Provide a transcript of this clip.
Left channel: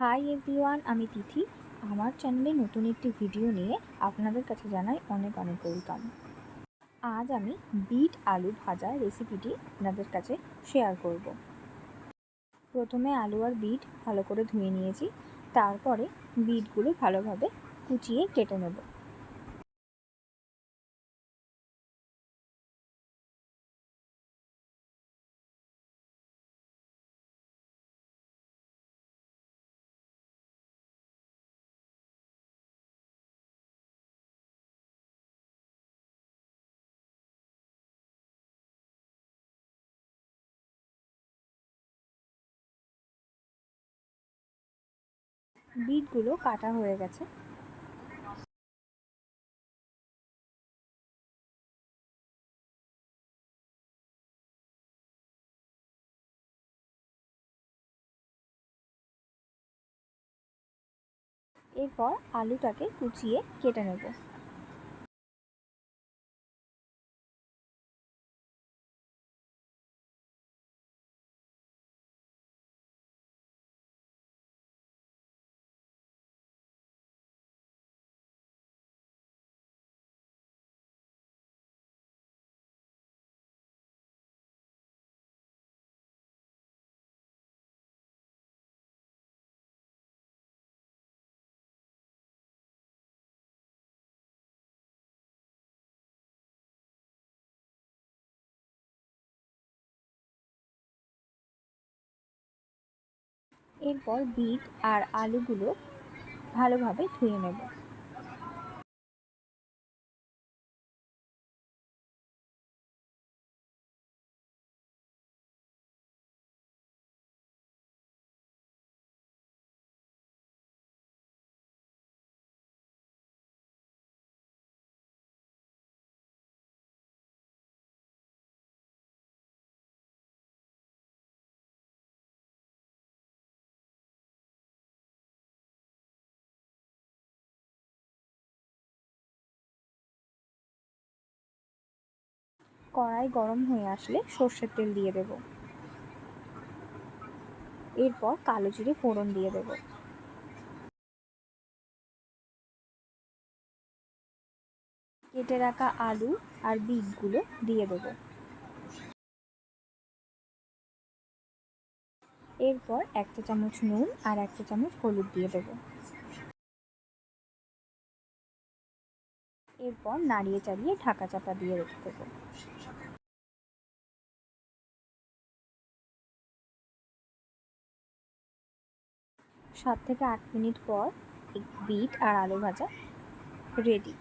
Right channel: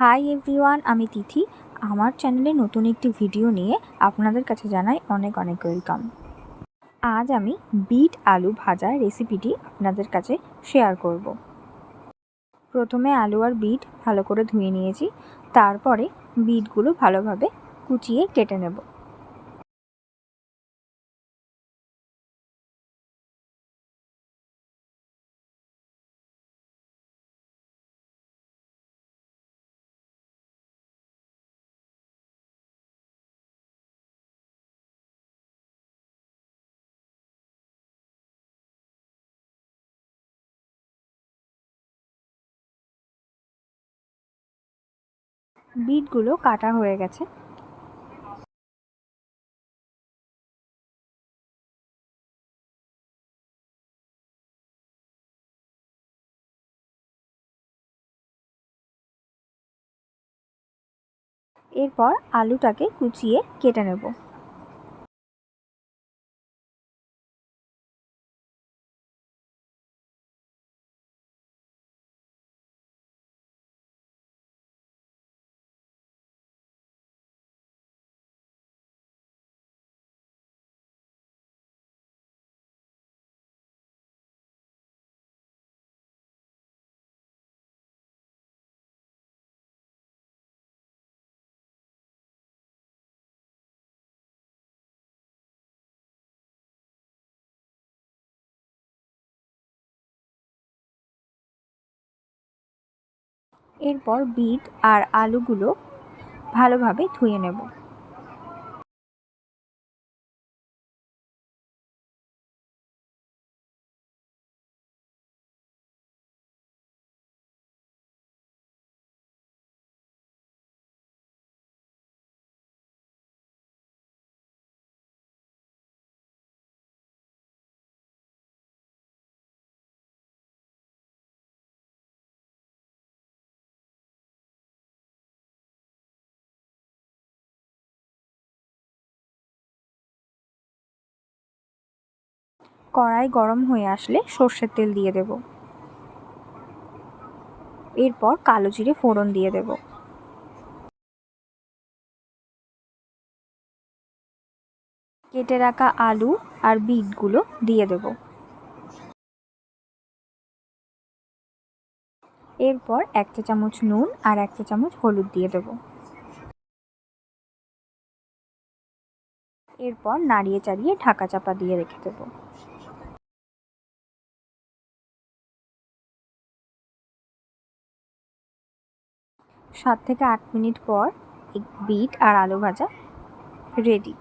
Hi everyone, আমি তিথি। আমার চ্যানেলে নতুন একটি ভিডিও নিয়ে আপনাদের কাছে জানাই অনেক অনেক ওয়েলকাম। আজ আমি বিট আলু ভাজা রেসিপিটি আপনাদের কাছে শেয়ার করব। প্রথমে আলু আর বিট ভালো করে ধুয়ে নিয়েছি, তারপরে বিটগুলো ভালোভাবে কুচিয়ে কেটে নেব। বিটগুলো কাটা হয়ে গেছে। এরপর আলুটাকে কুচিয়ে কেটে নেব। এরপর বিট আর আলুগুলো ভালোভাবে ধুয়ে নেব। কড়াই গরম হয়ে আসলে সর্ষের তেল দিয়ে দেব। এরপর কালো জিরে ফোড়ন দিয়ে দেব। কেটে রাখা আলু আর বিটগুলো দিয়ে দেব। এরপর 1 চা চামচ নুন আর 1 চা চামচ হলুদ দিয়ে দেব। এরপর নাড়িয়ে চাড়িয়ে ঢাকা চাপা দিয়ে রেখে দেব। সাত থেকে 8 মিনিট পর বিট আর আলু ভাজা রেডি।